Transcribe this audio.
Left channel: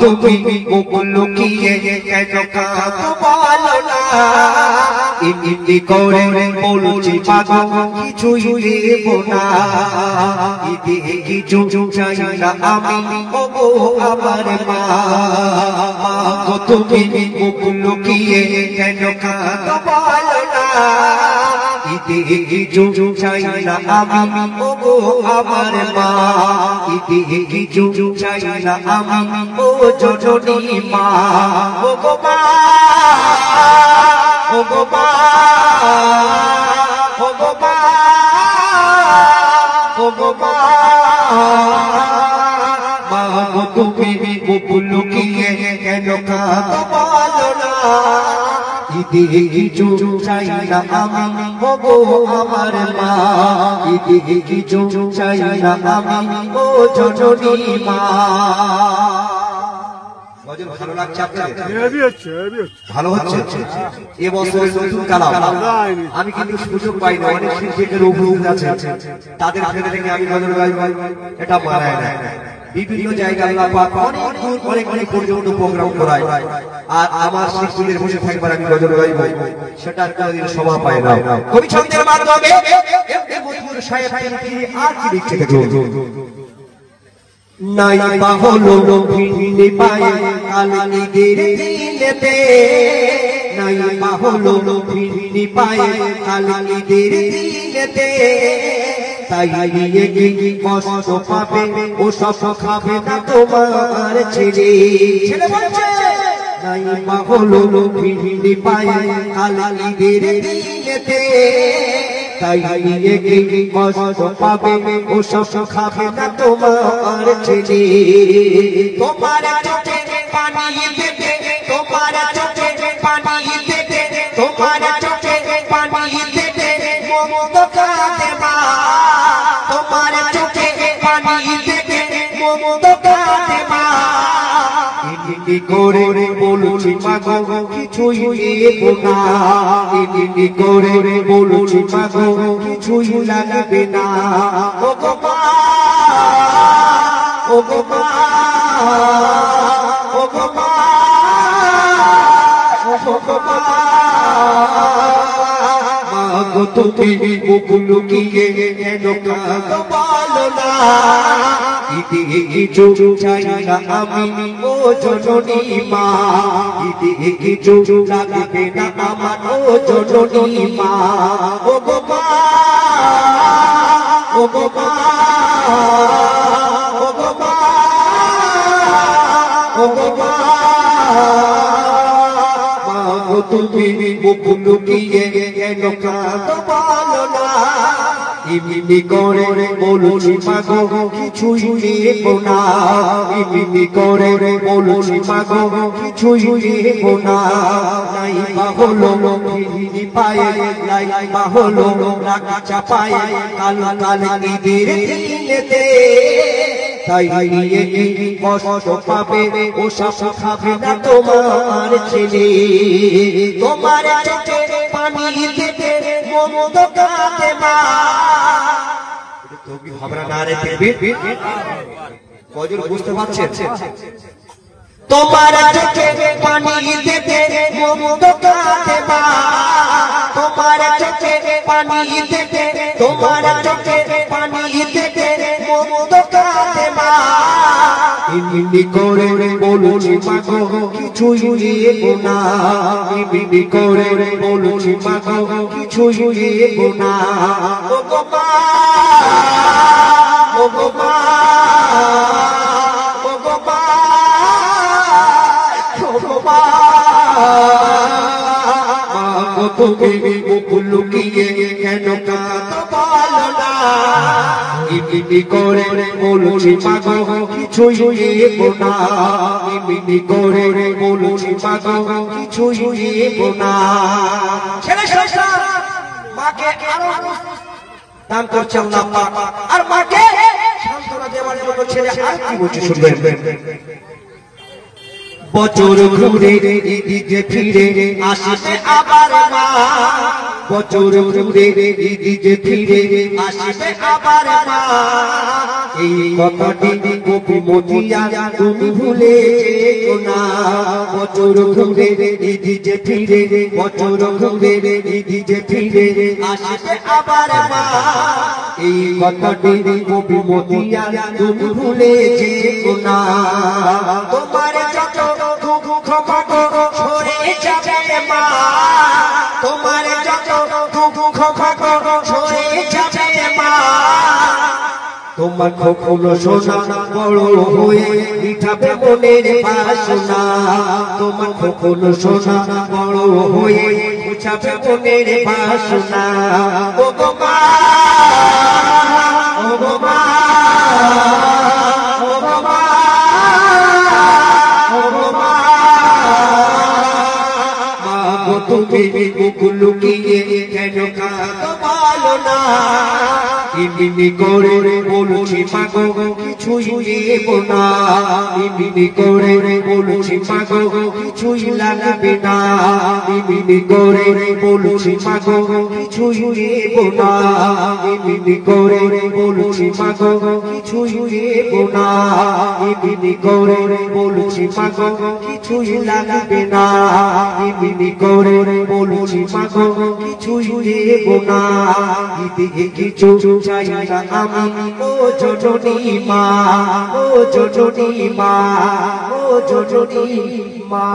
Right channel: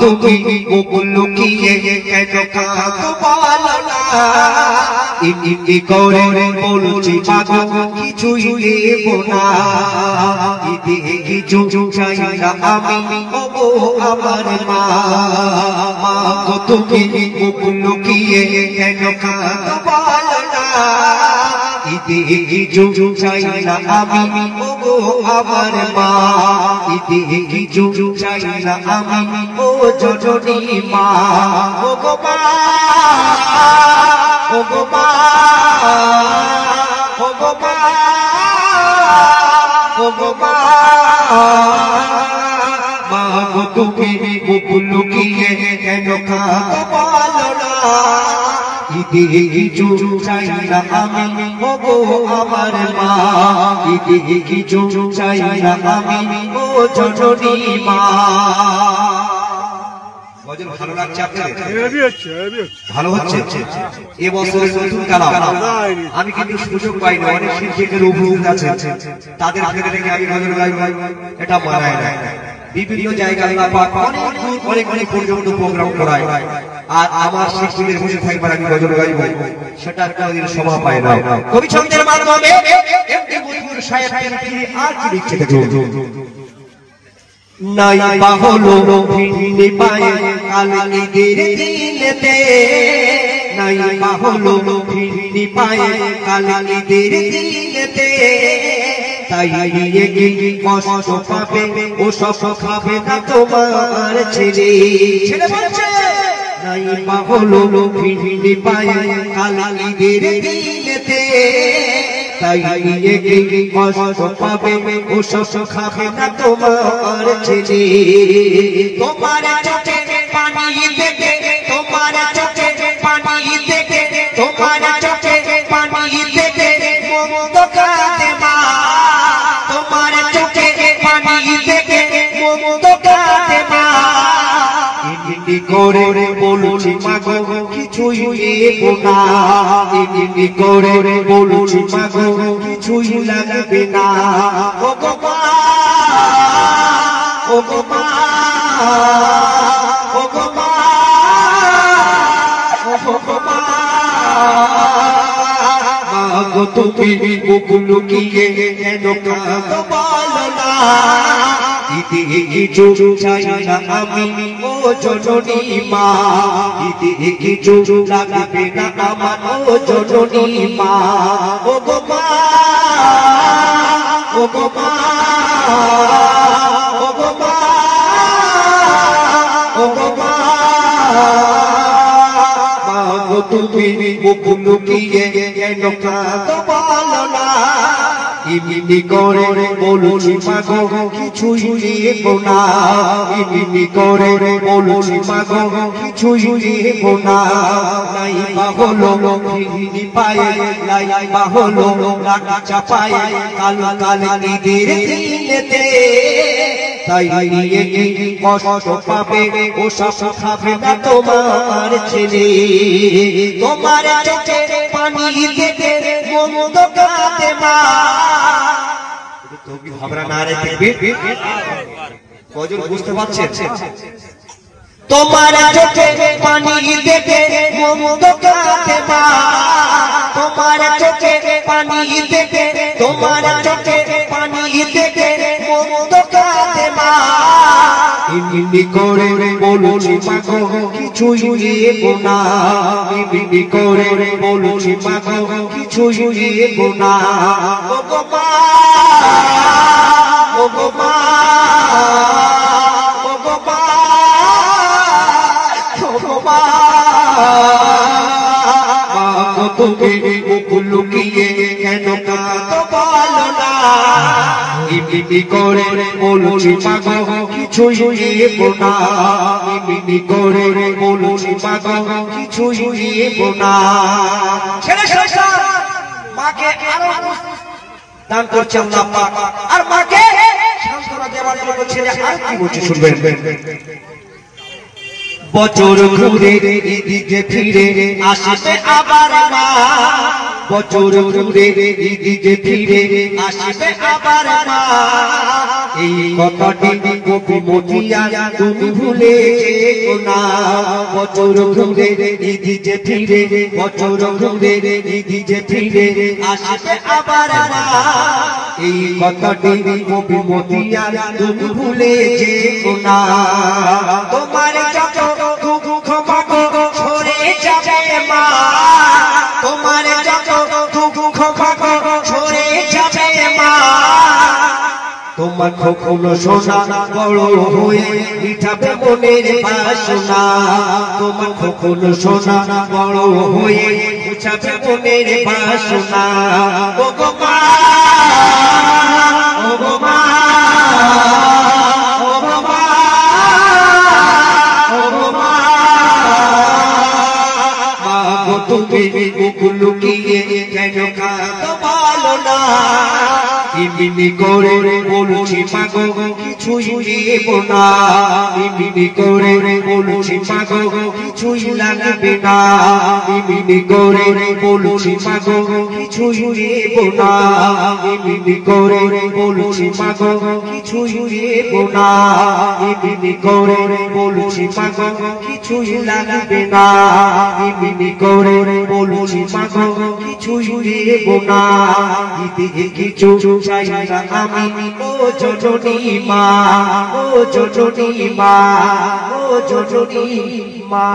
তুমি লুকিয়ে ইতি করে বলছি মাগো কিছুই দেব না কিছু চাই না আমি আমার মা তুমি লুকিয়ে কেন কাঁদো না কিছু চাই না আমি আমার মা কিছু চাই না আমি ও জননী মা ও গো মা ও গো মা ও গো মা ও গো মা মা গো তুমি লুকিয়ে কেন কাঁদো বলো না কিছু চাই না আমি ও গো আমার মা কিছু চাই না আমি ও জননী মা ভালো লাগছে ভালো হচ্ছে এবছর নতুন কালাম আমি কিন্তু সুযোগ পাই না অনেক শিল্পীদের অভিযোগ আছে তাদের ফেলে থেকে আমি নজর গাই এটা মানায় না বিভিন্ন জায়গায় অনেক পর্যন্ত প্রোগ্রাম করায় আর আমার শিল্পীদের বসে থাকবার আমি নজর গাই সেটা কোনদিন শোভা পায় না কবি ছন্দের মাধ্যমে আর কি লিখছে দেখো নাই বাহলো ভিন্নি পায়ে কালিদের দিলেতে নাই বাহলো ভিন্নি পায়ে কালিদের দিলেতে তাই নিয়ে কি কষ্ট পাবে ও সব খাবে না তোমার ছেলে নাই বাহলো ভিন্নি পায়ে কালিদের দিলেতে তাই নিয়ে কি কষ্ট পাবে ও সব খাবে না তোমার ছেলে তোমার চোখে পানি দেবে তোমার চোখে পানি দেবে তোমার চোখে পানি দেবে মন্দ কাঁদে না তোমার চোখে পানি দেবে মন্দ কাঁদে না ইনি করে বলছি মাগো কিছুই দেব না ইনি করে বলছি মাগো কিছুই লাগবে না ও গো মা ও গো মা ও গো মা ও গো মা মাগো তুমি লুকিয়ে কেন কাঁদো বলো না কিছু চাই না আমি ও জননী মা কিছু লাগবে না আমার ও জননী মা ও গো মা ও গো মা ও গো মা ও গো মা মাগো তুমি লুকিয়ে কেন কাঁদো বলো না ইনি করে বলছি মাগো কিছুই দেব না ইনি করে বলছি মাগো কিছুই দেব না নাই বাহলো ভিন্নি পায়ে নাই বাহলো গাছা পায়ে কালিদের দিলেতে তাই নিয়ে কি কষ্ট পাবে ও সব খাবে না তোমার ছেলে তোমার চোখে পানি দেবে মন্দ কাঁদে না তুমি ভাবনা না রে কজন বুঝতে পারছেন তোমার চোখে পানি দেবে মন্দ কাঁদে না তোমার চোখে পানি দেবে তোমার চোখে পানি দেবে মন্দ কাঁদে না ইনি করে বলছি মাগো কিছুই দেব না ইনি করে বলছি মাগো কিছুই দেব না ও গো মা ও গো মা ও গো মা ও গো মা মাগো তুমি লুকিয়ে কেন কাঁদো বলো না ইনি করে বলছি মাগো কিছুই দেব না ইনি করে বলছি মাগো কিছুই দেব না ছেলে মাকে আরো দান করছে আল্লাহ পাক আর মাকে সান্ত্বনা দেওয়ার জন্য ছেলে আর কি বলছে শুনবেন বছর ঘুরে এদিকে ফিরে আসে আবার মা বছর ঘুরে ঈদ যে ফিরে আসবে আবার মা এই কথাটি কবি মতিয়া তুমি ভুলে যেও না বছর ঘুরে ঈদ যে ফিরে বছর ঘুরে ঈদ যে ফিরে আসবে আবার মা এই কথাটি কবি মতিয়া তুমি ভুলে যেও না তোমার যত দুঃখ পাপ সরে যাবে মা তোমার যত দুঃখ পাপ সরে যাবে মা তোমার কখনো সোনা বড় হয়ে মিঠাবে মনের বাসনা তোমার কখনো সোনা বড় হয়ে মিঠাবে মনের বাসনা ও গো মা ও গো মা ও গো মা ও গো মা গো তুমি মুখ লুকিয়ে কেন কাঁদো বলো না ইমিনি করে বলছি মাগো কিছুই নেব না ইমিনি করে বলছি মাগো কিছুই লাগবে না ইমিনি করে বলছি মাগো কিছুই নেব না ইমিনি করে বলছি মাগো কিছুই নেব না ইমিনি করে বলছি মাগো কিছুই লাগবে না ইমিনি করে বলছি মাগো কিছুই নেব না ইদিকে কিছু চাই না আমি ও জননী মা ও জননী মা ও জননী মা